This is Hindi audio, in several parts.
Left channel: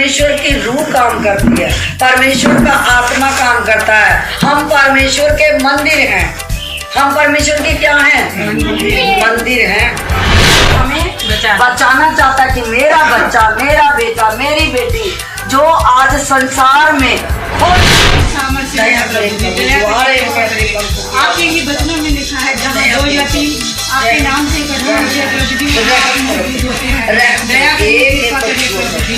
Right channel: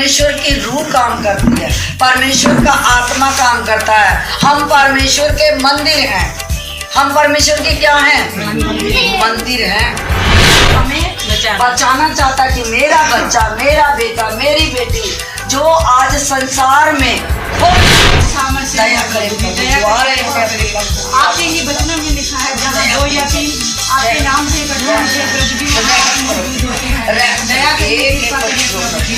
परमेश्वर की रूह काम करती है, परमेश्वर का आत्मा काम करता है। हम परमेश्वर के मंदिर हैं। हम परमेश्वर के क्या हैं? मंदिर हैं। हमें बचाना चाहता कि मेरा बच्चा, मेरा बेटा, मेरी बेटी जो आज संसार में आपके ही वचनों में लिखा है, जहाँ दो या तीन आपके नाम से इकट्ठा होते हैं, कुछ भी आप मौजूद होते हैं। दया के लिए कृपा करें प्रभु जी।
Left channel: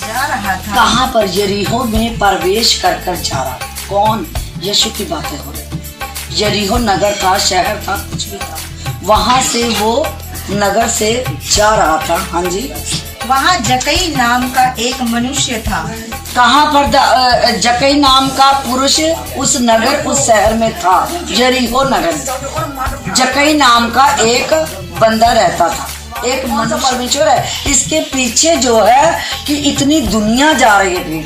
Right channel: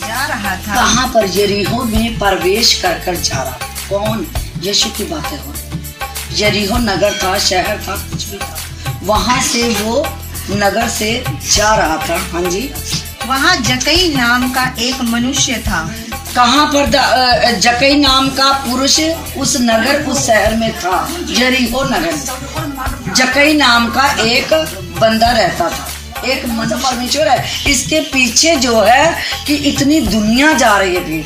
जा रहा था कहाँ पर? यरीहो में प्रवेश कर कर जा रहा था। कौन? यीशु की बातें हो रही। यरीहो नगर था, शहर था, कुछ भी था। वहां से वो नगर से जा रहा था। हाँ जी। वहाँ जकई नाम का एक मनुष्य था। कहाँ पर? जकई नाम का पुरुष उस नगर, उस शहर में था, यरीहो नगर। जकई नाम का एक बंदा रहता था। एक मतलब परमेश्वर है। इसके पीछे जो है कि इतनी दुनिया जा रही है भी।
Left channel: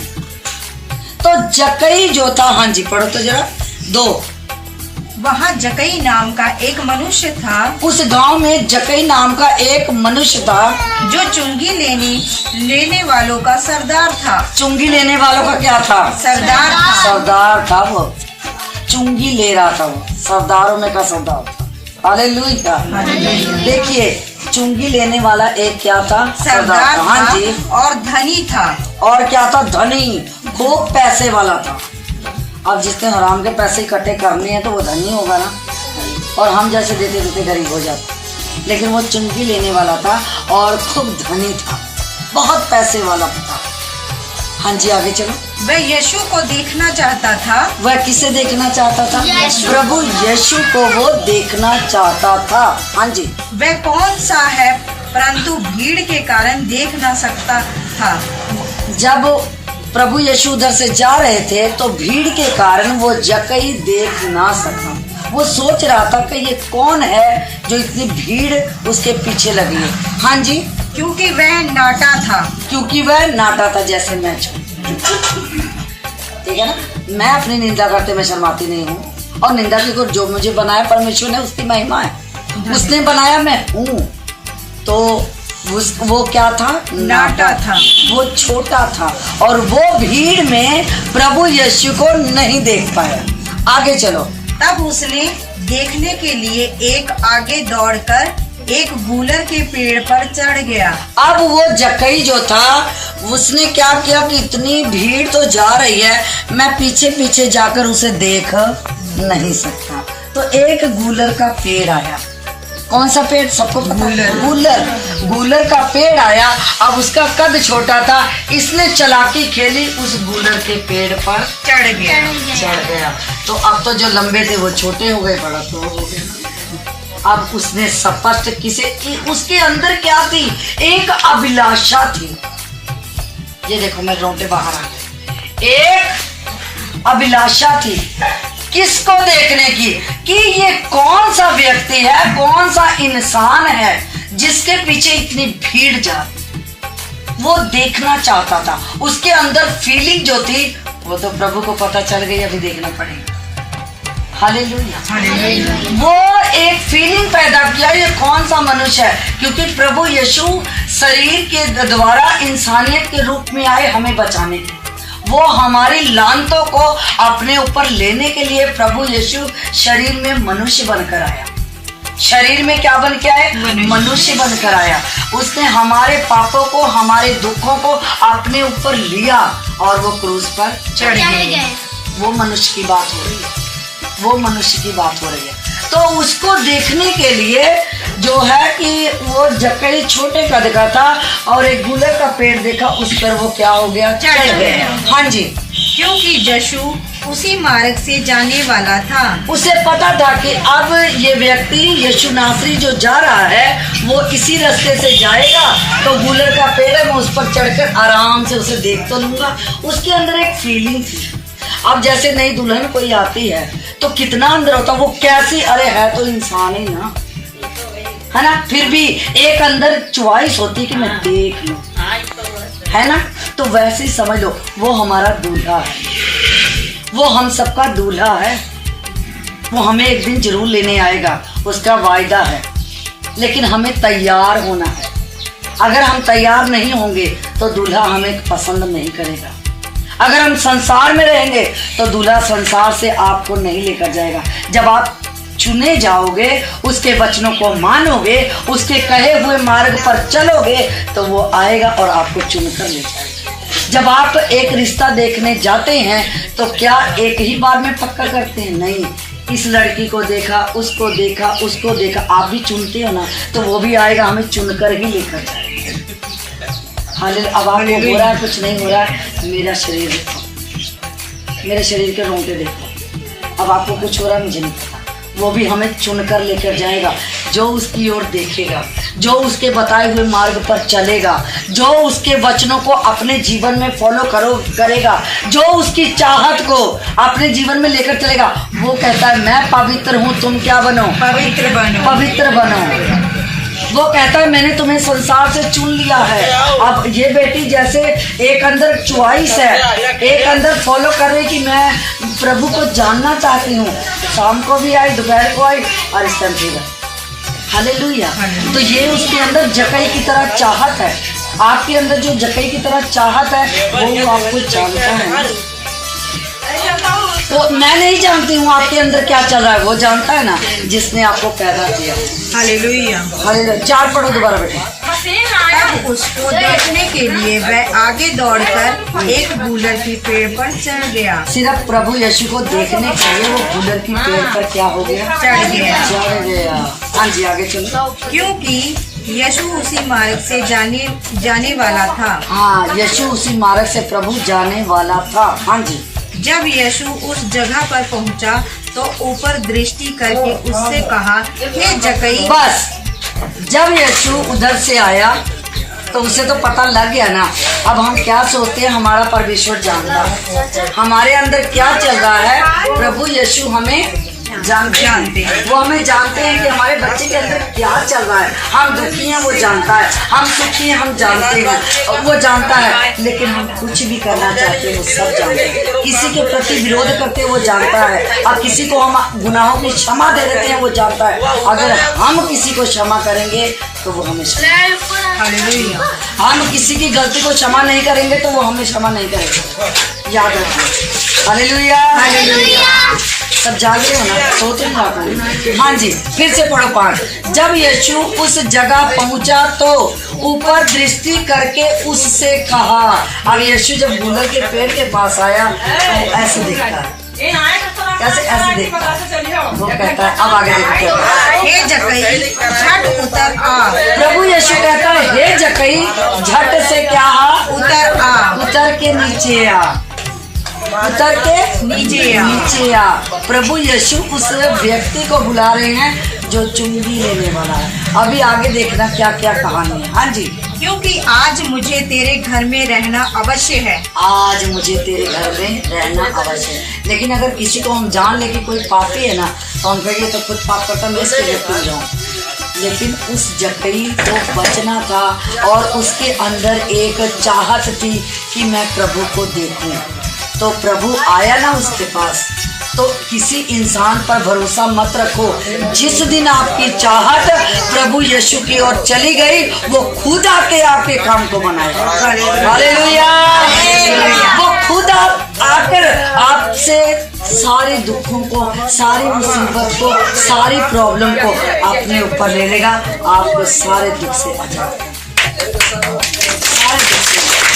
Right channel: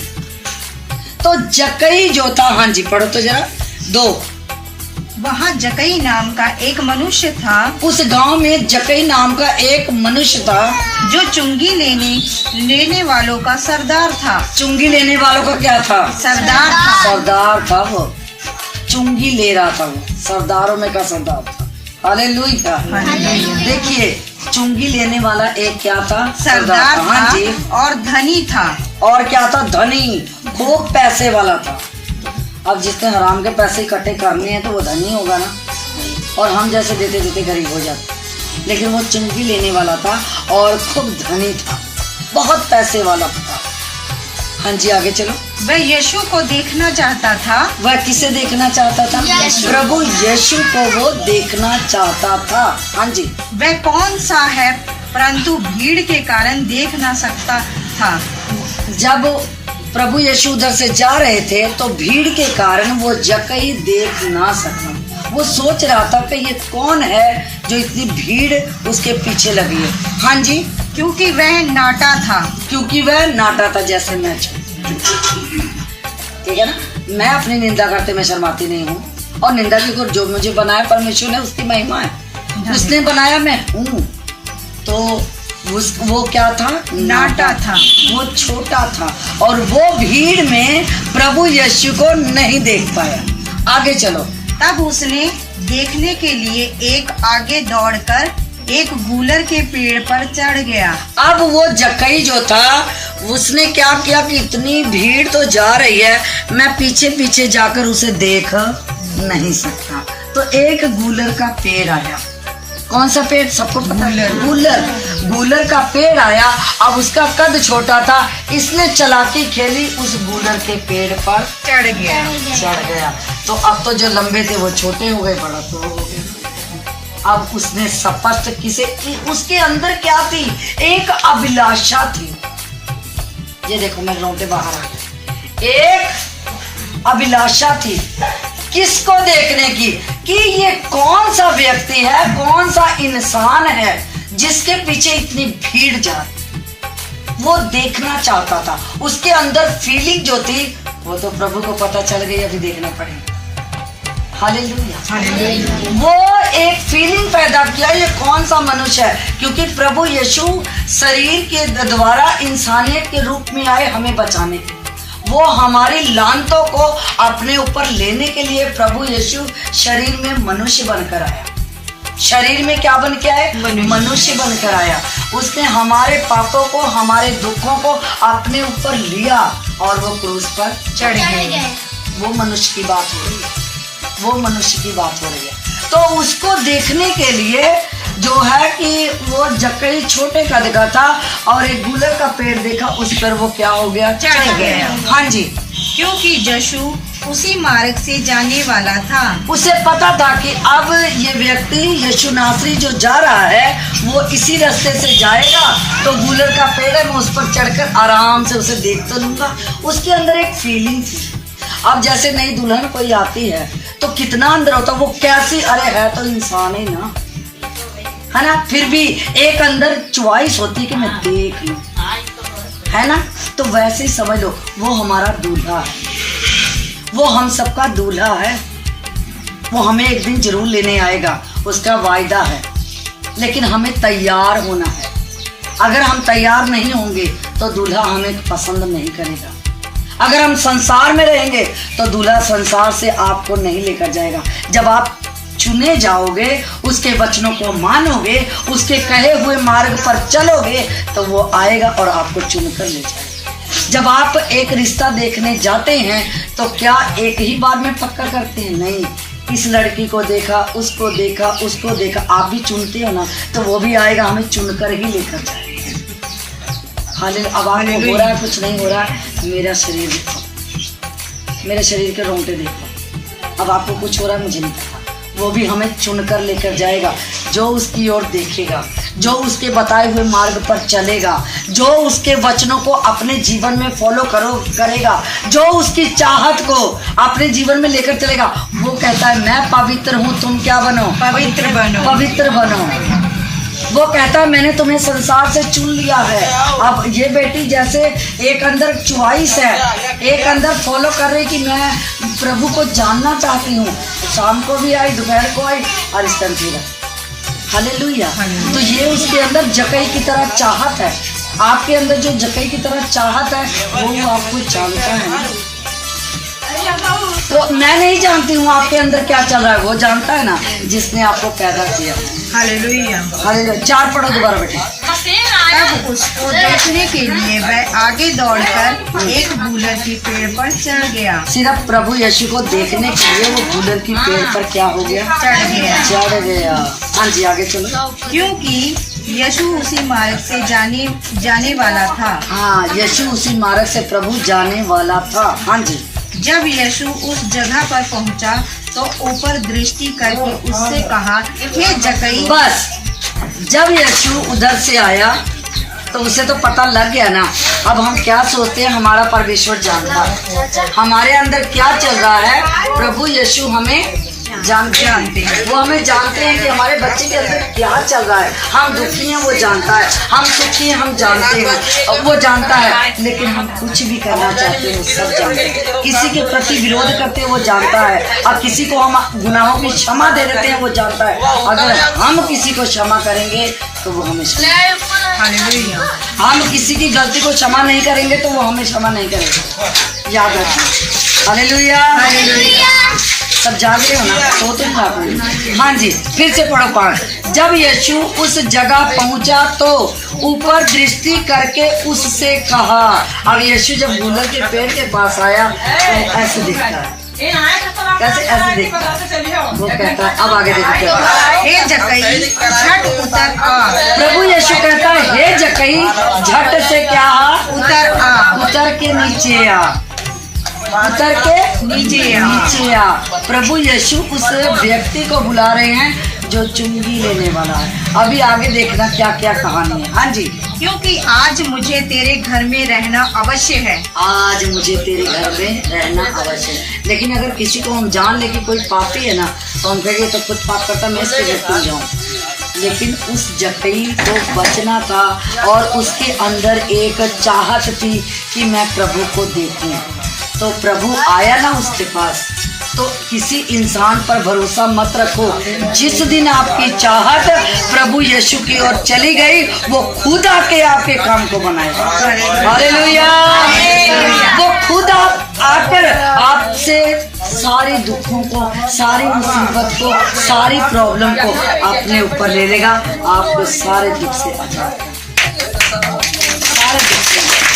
तो जकई जो था, हाँ जी पढ़ो तो जरा। 2। वहाँ जकई नाम का एक मनुष्य था। उस गांव में जकई नाम का एक मनुष्य था जो चुंगी लेने वालों का सरदार था। चुंगी लेने वालों का क्या था? सरदार था। सरदार था। वो चुंगी ले रहा था। वो सरदारों में का सरदार था। हालेलुया। देखिए, चुंगी लेने वाला एक क्या था? सरदार था। हाँ जी। और धनी था। और क्या था? धनी, खूब पैसे वाला था। अब जिसने हराम के पैसे इकट्ठे करने हैं तो वो धनी होगा ना, और हम जैसे देते देते गरीब हो जाते। लेकिन वो चुंगी लेने वाला था और खूब धनी था, बहुत पैसे वाला था। हाँ जी आगे चलो। वह यीशु को देखना चाहता था। वह किसे देखना चाहता था? प्रभु यीशु को वो देखना चाहता था। हाँ जी। वह कौन सा है, परंतु भीड़ के कारण देख ना सकता था। जब प्रभु यीशु उधर से जा रहे थे तो भीड़ के कारण वो जकई देख ना सका। वो सोच रहा था कि ये कौन है जो इतनी भीड़ उसके पीछे लगी है। हाँ जी। क्योंकि वह नाटा था। क्योंकि वह नाटा था, जैसे मैं। ठीक है ना। मैं अपनी निंदा करते मैं शर्माती नहीं हूँ, और निंदा की जो मुझे बनाया परमेश्वर ने, उसकी महिमा है। उसने बनाया, मैं हूँ। तो वो क्या था? नाटा था। वो छोटा था और वो भीड़ में प्रभु यीशु को नहीं देख पाया। आगे चलो। तब उसने देखने के लिए एक आगे दौड़कर एक गूलर के पेड़ पर चढ़ गया। अब वो जकई जो था उसने क्या किया कि इतनी भीड़ तो जा रही है, मैं पीछे पीछे जाकर उसे देख नहीं सकता। तो एक गूलर का पेड़ आया। कौन सा पेड़? सबको पता है, गूलर का पेड़ आया। अब उसका कद छोटा था, इसने चालाकी खेली, उस गूलर के पेड़ पर चढ़ गया। तो अब तो जो लंबे थे वो छोटे हो गए, बड़ा तो हो गया। अब उसने शपथ किसे? उसके अंदर क्या थी? एक अभिलाषा थी। ये देखो मैं रोंगटे बाहर आ गए। एक अभिलाषा थी किसको देखने की? कि ये कौन सा व्यक्ति है, कौन सा इंसान है जिसके पीछे इतनी भीड़ जा रही। वो देखना चाहता था। उसके अंदर फीलिंग जो थी वो तो प्रभु को पता चल गई, अभी देखना पड़ेगा। हालेलुया। वो एक फीलिंग पैदा किया, ये कौन सा मनुष्य है, क्योंकि प्रभु यीशु शरीर के द्वारा इंसानियत के रूप में आए हमें बचाने के। वो हमारी लानतों को अपने ऊपर लेने के लिए प्रभु यीशु शरीर में मनुष्य बनकर आया। शरीर में क्या बन के आए? मनुष्य बनकर आया। उसने हमारे पापों को, हमारे दुखों को अपने ऊपर लिया और वो क्रूस पर चढ़ गए। वो मनुष्य की बात हो रही है। वो मनुष्य की बात हो रही है। तो उसको देखने के लिए जो है कि वो जकई छोटे कद का था और एक गूलर का पेड़ देखा, उस पर वो क्या हो गया? चढ़ गया। हाँ जी। क्योंकि यीशु उसी मार्ग से जाने वाला था। उसे पता था कि अब ये व्यक्ति यीशु नासरी जो जा रहा है वो इसी रास्ते से जाएगा, तो गूलर का पेड़ है, मैं उस पर चढ़कर आराम से उसे देख तो लूंगा। उसके अंदर एक फीलिंग थी। अब जैसे नई दुल्हन कोई आती है तो कितना अंदर होता, वो कैसी, अरे है तो इंसान ही ना, है ना, फिर भी एक अंदर च्वाइस होती कि मैं देख लूं, है ना। तो वैसे ही समझ लो वो हमारा दूल्हा है, वो हम सबका दूल्हा है। वो हमें एक दिन जरूर लेने आएगा, उसका वायदा है, लेकिन हमें तैयार होना है। अगर हम तैयार नहीं होंगे तो दूल्हा हमें पसंद नहीं करेगा। अगर हम संसार में रहेंगे तो दूल्हा संसार से आपको नहीं लेकर जाएगा। जब आप चुने जाओगे, उसके वचनों को मानोगे, उसके कहे हुए मार्ग पर चलोगे, तो वो आएगा और आपको चुनकर ले जाएगा। जब आप एक रिश्ता देखने जाते हैं तो क्या एक ही बार में पक्का करते हैं? नहीं, इस लड़की को देखा, उसको देखा, उसको देखा, आप भी चुनते हो ना, तो वो भी आएगा हमें चुनकर ही लेकर जाएगा। हालेलुया। अब आपको हो रहा है, कुछ नहीं हो रहा है, मेरा शरीर देखो, मेरे शरीर के रोंगटे देखो। अब आपको कुछ हो रहा है, मुझे नहीं पता। वो भी हमें चुनकर लेकर जाएगा। जो उसकी ओर देखेगा, जो उसके बताए हुए मार्ग पर चलेगा, जो उसके वचनों को अपने जीवन में फॉलो करेगा, जो उसकी चाहत को अपने जीवन में लेकर चलेगा, वो कहता है मैं पवित्र हूँ, तुम क्या बनो? पवित्र बनो। पवित्र बनो। वो कहता है मैंने तुम्हें संसार से चुन लिया है। अब ये बेटी जैसे एक अंदर चॉइस है, एक अंदर फॉलो कर रही कि मैं प्रभु को जानना चाहती हूँ, शाम को भी आई, दोपहर को आई और इस टाइम भी। हालेलुया। तो ये उसके अंदर जकई की तरह चाहत है। आपके अंदर जो जकई की तरह चाहत है वो आपको जानता है। तो मैं नहीं जानती हूँ आपके अंदर क्या चल रहा है, वो जानता है ना जिसने आपको पैदा किया। हालेलुया। हालेलुया। 4 पढ़ो दोबारा बेटे। तब उसको देखने के लिए वह आगे दौड़कर एक बूलर के पेड़ पर चढ़ गया। सिर्फ प्रभु यीशु को देखने के लिए वो बूलर की पेड़ पर क्या हो गया? चढ़ गया। हाँ जी, आगे चलो। क्योंकि यीशु उसी मार्ग से जाने वाला था। हाँ, यीशु उसी मार्ग से प्रभु जाने वाला था। हाँ जी। जब यीशु उस जगह पर पहुंचा तो ऊपर दृष्टि करके उससे कहा, हे जकई। बस जब यीशु उधर से आया तो उसे तो पता लग गया ना। अब हम क्या सोचते हैं, हमारा परमेश्वर जानता है हमारे अंदर क्या चल रहा है। प्रभु यीशु हमें जानते हैं, वो हमें जानते हैं कि हमारे बच्चे के अंदर क्या चल रहा है। हम दुखी हैं वो जानता है, हम सुखी हैं हम जानते हैं, वो जानता है। लेकिन हम कुछ भी करना चाहते हैं वो सब जानते हैं। किसी के प्रति विरोध करते हैं वो जानता है, और किसी को हम गुनाहों की क्षमा दे देते हैं वो जानता है। अगर हम किसी को क्षमा करेंगे तो वो हमें हम किसी की गलती को क्षमा नहीं करेंगे तो वो हमें क्षमा नहीं करेगा। याद रखिए। हालेलुया। सब जाग रहे हो ना? तो तुम ना। हाँ जी, फिर से पढ़ो 5। जब यीशु उस जगह पहुंचा तो ऊपर दृष्टि करके उससे कहा। अब यीशु जब बूलर के पेड़ के पास आया तो ऐसे देखता है। कैसे? ऐसे देखता। वो कहता है, अब आगे देखो, हे जकई झट उतर आ। प्रभु यीशु कहता है हे जकई झट से क्या? उतर आ। उतर के नीचे आ। उतर के नीचे आ। प्रभु यीशु उस व्यक्ति को बुला रहे हैं जो चुंगी लेने वाला है। अभी आगे देखना क्या क्या कहानी है। हाँ जी। क्योंकि आज मुझे तेरे घर में रहना अवश्य है। आज मुझे तेरे घर में रहना अवश्य है। लेकिन अगर किसी को हम जान ले कि कोई पापी है ना, तो हम कहेंगे तो खुद पाप करता मैं इसके घर क्यों जाऊँ। लेकिन उस जकई को बचना था और उसके अंदर एक चाहत थी कि मैं प्रभु को देखूं। तो प्रभु आया ना उसके पास। तो किसी इंसान पर भरोसा मत रखो। जिस दिन आपकी चाहत प्रभु यीशु की ओर चली गई, वो खुद आके आपके काम को बनाएगा। हालेलुया। वो खुद आकर आपसे सारे दुखों को, सारी मुसीबत को, सारी प्रॉब्लम को अपने ऊपर ले लेगा। आपको सारे दुख से आजाद, सारे दुख से